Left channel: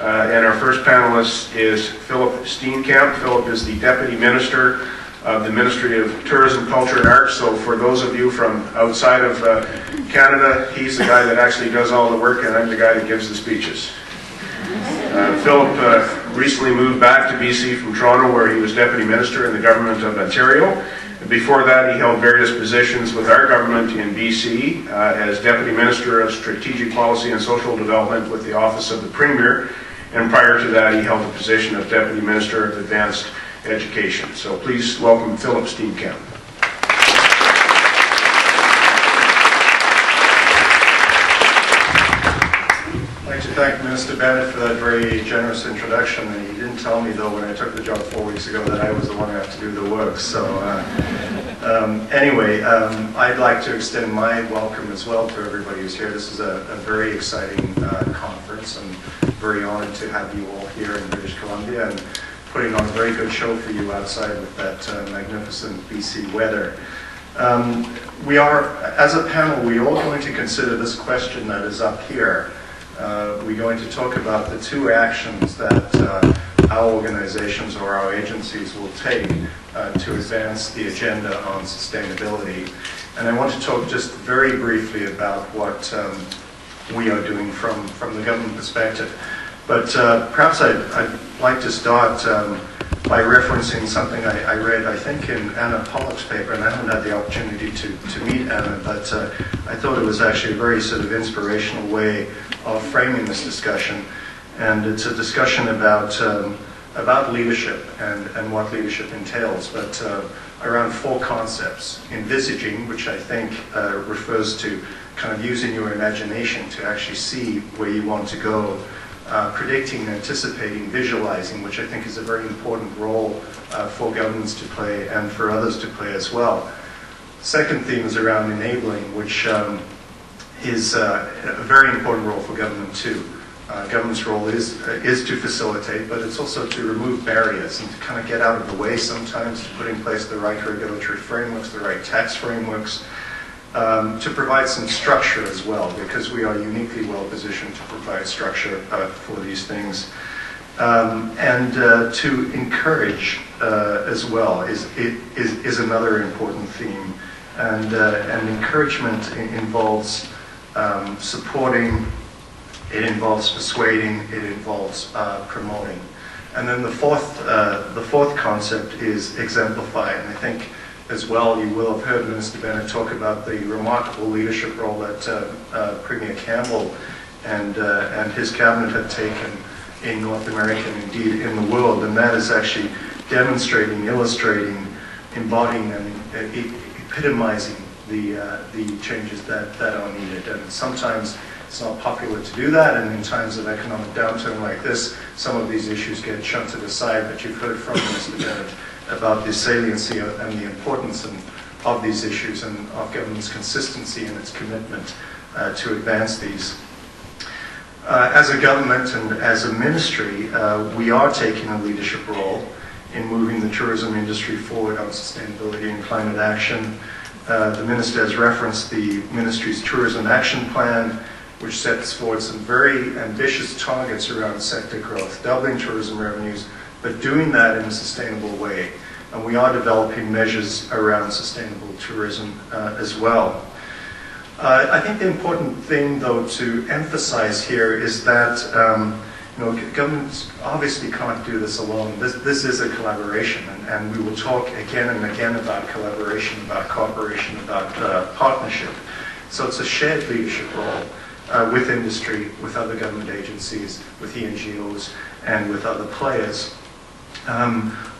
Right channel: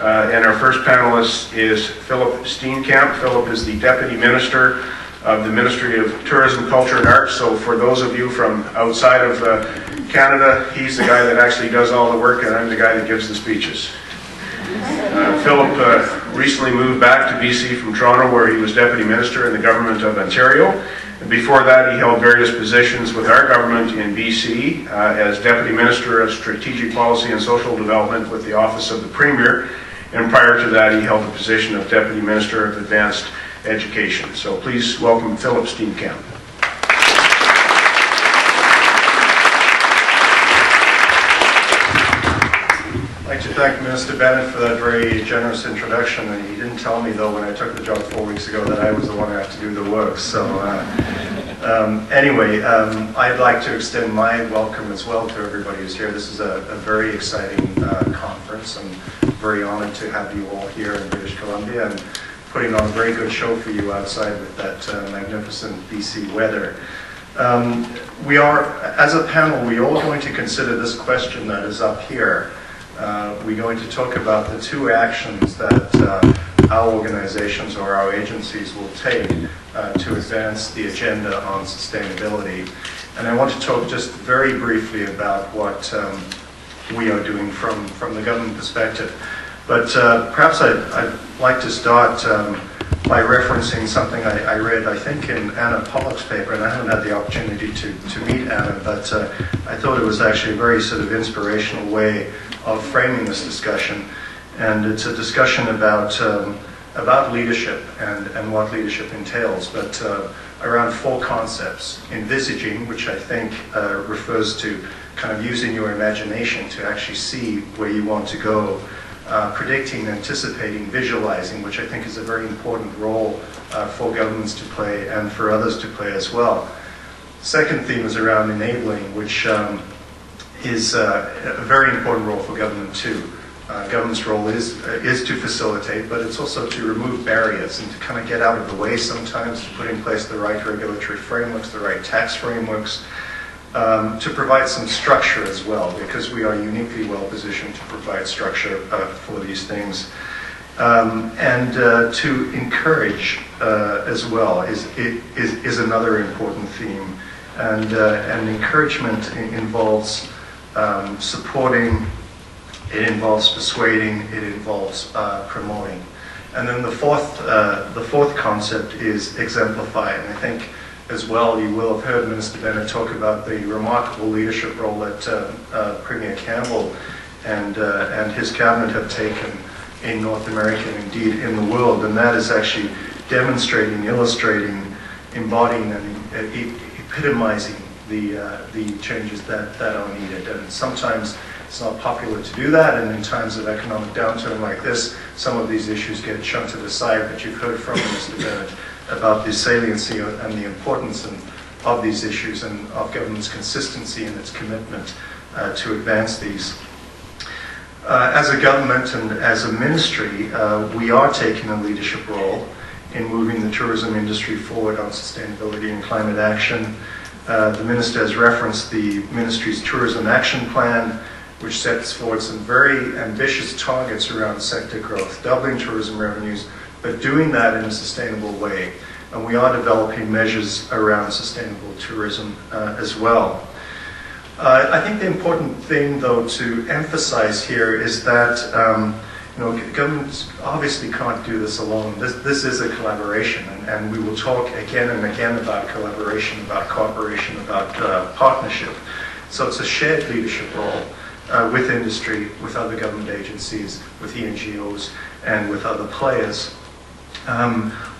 And our first panelist is Phillip Steenkamp. Phillip is the Deputy Minister of the Ministry of Tourism, Culture and Arts. So for those of you from outside of Canada, he's the guy that actually does all the work, and I'm the guy that gives the speeches. Phillip recently moved back to BC from Toronto, where he was Deputy Minister in the Government of Ontario. And before that, he held various positions with our government in BC as Deputy Minister of Strategic Policy and Social Development with the Office of the Premier. And prior to that, he held the position of Deputy Minister of Advanced Education. So please welcome Phillip Steenkamp. I'd like to thank Minister Bennett for that very generous introduction. And he didn't tell me, though, when I took the job 4 weeks ago, that I was the one who had to do the work. So anyway, I'd like to extend my welcome as well to everybody who's here. This is a very exciting conference. I'm very honored to have you all here in British Columbia and putting on a very good show for you outside with that magnificent BC weather. We are, as a panel, we're all going to consider this question that is up here. We're going to talk about the two actions that our organizations or our agencies will take to advance the agenda on sustainability. And I want to talk just very briefly about what we are doing from the government perspective. But perhaps I'd like to start by referencing something I read, I think, in Anna Pollock's paper, and I haven't had the opportunity to meet Anna, but I thought it was actually a very sort of inspirational way of framing this discussion. And it's a discussion about leadership and what leadership entails, but around four concepts. Envisaging, which I think refers to kind of using your imagination to actually see where you want to go. Predicting, anticipating, visualizing, which I think is a very important role for governments to play and for others to play as well. Second theme is around enabling, which is a very important role for government too. Government's role is to facilitate, but it's also to remove barriers and to kind of get out of the way sometimes, to put in place the right regulatory frameworks, the right tax frameworks, to provide some structure as well, because we are uniquely well positioned to provide structure for these things. And to encourage as well is another important theme. And encouragement involves supporting, it involves persuading, it involves promoting. And then the fourth concept is exemplify. And I think as well, you will have heard Minister Bennett talk about the remarkable leadership role that Premier Campbell and his cabinet have taken in North America and indeed in the world, and that is actually demonstrating, illustrating, embodying, and epitomizing the changes that are needed. And sometimes it's not popular to do that, and in times of economic downturn like this, some of these issues get shunted aside, but you've heard from Minister Bennett about the saliency and the importance of these issues and of government's consistency and its commitment to advance these. As a government and as a ministry, we are taking a leadership role in moving the tourism industry forward on sustainability and climate action. The Minister has referenced the Ministry's Tourism Action Plan, which sets forward some very ambitious targets around sector growth, doubling tourism revenues, but doing that in a sustainable way. And we are developing measures around sustainable tourism as well. I think the important thing, though, to emphasize here is that governments obviously can't do this alone. This is a collaboration, and we will talk again and again about collaboration, about cooperation, about partnership. So it's a shared leadership role with industry, with other government agencies, with the NGOs, and with other players.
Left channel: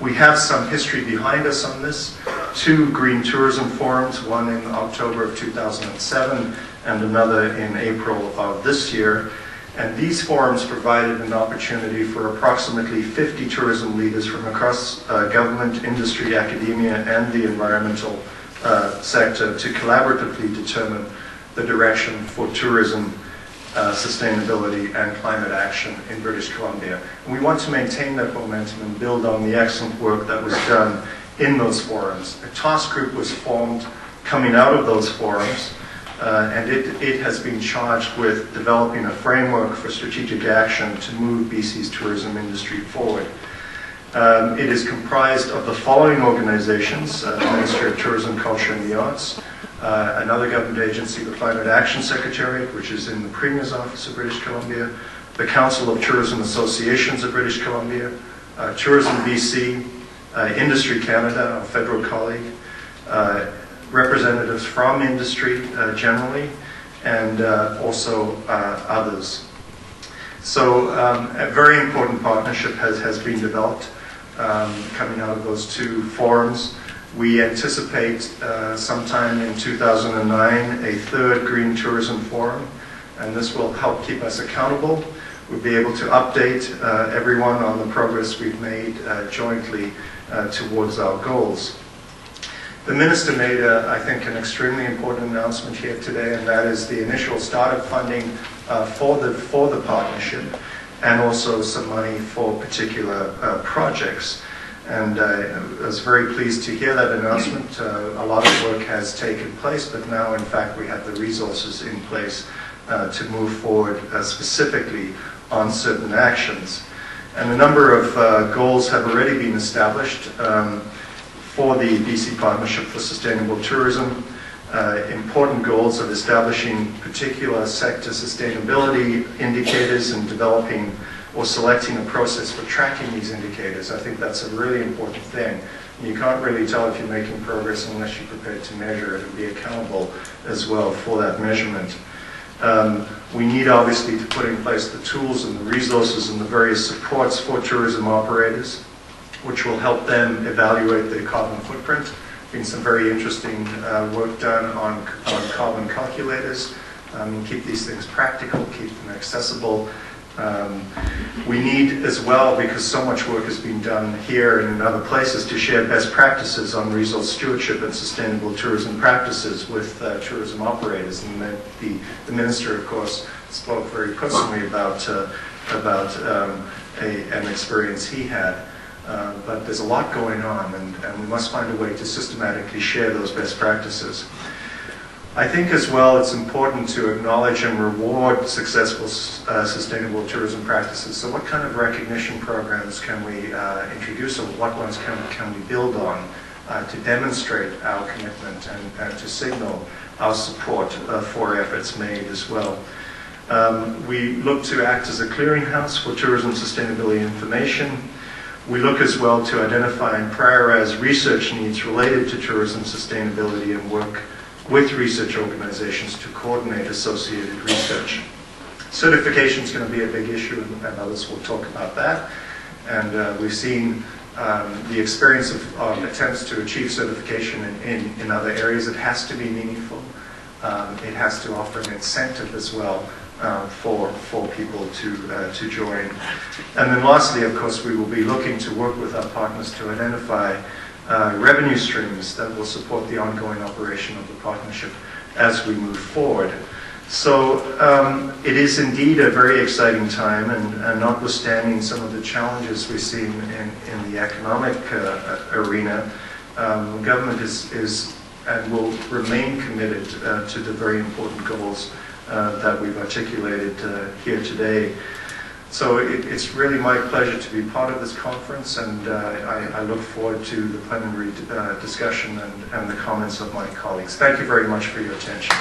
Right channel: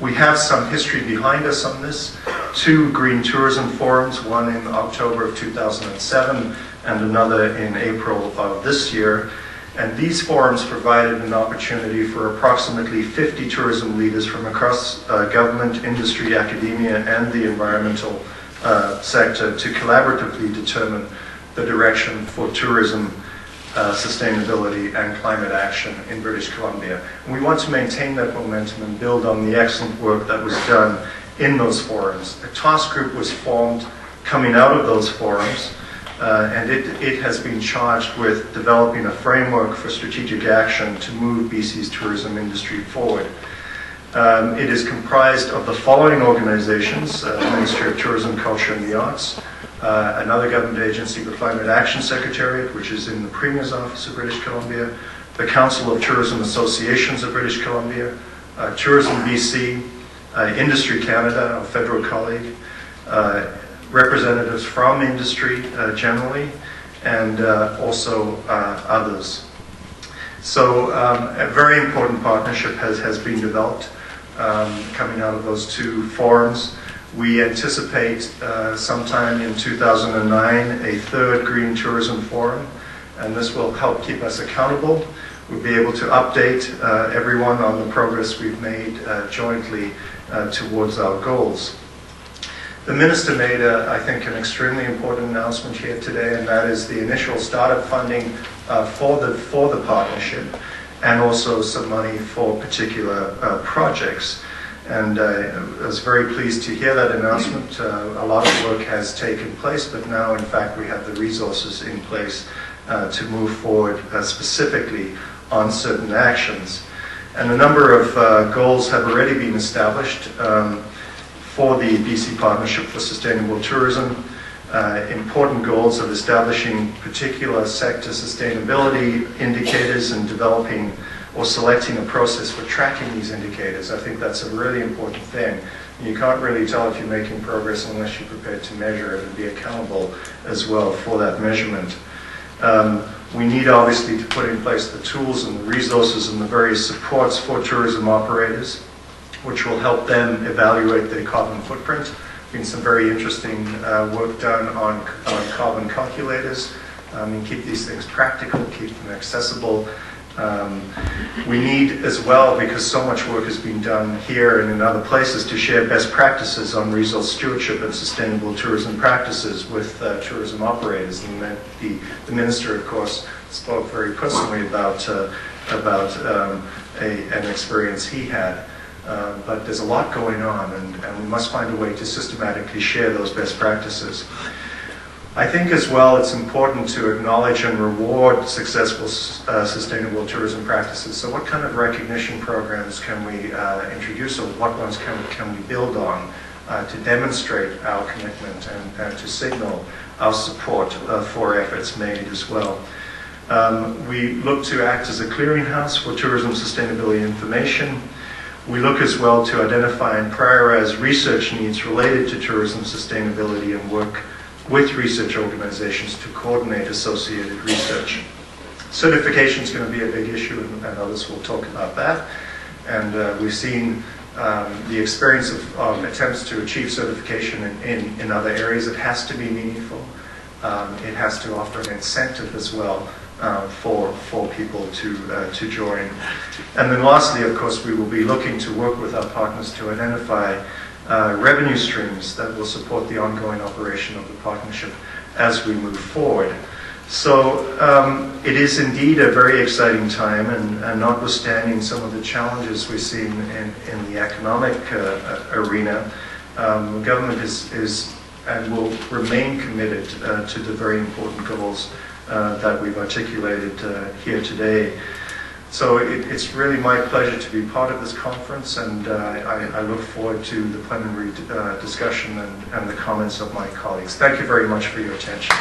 We have some history behind us on this. 2 Green Tourism Forums, one in October of 2007 and another in April of this year. And these forums provided an opportunity for approximately 50 tourism leaders from across government, industry, academia, and the environmental sector to collaboratively determine the direction for tourism, sustainability, and climate action in British Columbia. And we want to maintain that momentum and build on the excellent work that was done in those forums. A task group was formed coming out of those forums and it has been charged with developing a framework for strategic action to move BC's tourism industry forward. It is comprised of the following organizations: Ministry of Tourism, Culture and the Arts, another government agency, the Climate Action Secretariat, which is in the Premier's Office of British Columbia, the Council of Tourism Associations of British Columbia, Tourism BC, Industry Canada, our federal colleague, representatives from industry generally, and also others. So a very important partnership has been developed coming out of those two forums. We anticipate sometime in 2009 a third Green Tourism Forum, and this will help keep us accountable. We'll be able to update everyone on the progress we've made jointly towards our goals. The Minister made, I think, an extremely important announcement here today, and that is the initial startup funding for the partnership, and also some money for particular projects. And I was very pleased to hear that announcement. A lot of work has taken place, but now, in fact, we have the resources in place to move forward specifically on certain actions. And a number of goals have already been established for the BC Partnership for Sustainable Tourism. Important goals of establishing particular sector sustainability indicators and developing or selecting a process for tracking these indicators. I think that's a really important thing. You can't really tell if you're making progress unless you're prepared to measure it and be accountable as well for that measurement. We need obviously to put in place the tools and the resources and the various supports for tourism operators, which will help them evaluate their carbon footprint. Been some very interesting work done on carbon calculators. Keep these things practical, keep them accessible. We need as well, because so much work has been done here and in other places, to share best practices on resource stewardship and sustainable tourism practices with tourism operators. And the Minister, of course, spoke very personally about an experience he had. But there's a lot going on, and we must find a way to systematically share those best practices. I think as well it's important to acknowledge and reward successful sustainable tourism practices. So what kind of recognition programs can we introduce, or what ones can we build on to demonstrate our commitment and to signal our support for efforts made as well. We look to act as a clearinghouse for tourism sustainability information. We look as well to identify and prioritize research needs related to tourism sustainability and work with research organizations to coordinate associated research. Certification is going to be a big issue, and others will talk about that. And we've seen the experience of attempts to achieve certification in other areas. It has to be meaningful. It has to offer an incentive as well for people to join. And then lastly, of course, we will be looking to work with our partners to identify revenue streams that will support the ongoing operation of the partnership as we move forward. So it is indeed a very exciting time, and notwithstanding some of the challenges we've seen in the economic arena, government is and will remain committed to the very important goals that we've articulated here today. So it's really my pleasure to be part of this conference, and I look forward to the plenary discussion and the comments of my colleagues. Thank you very much for your attention.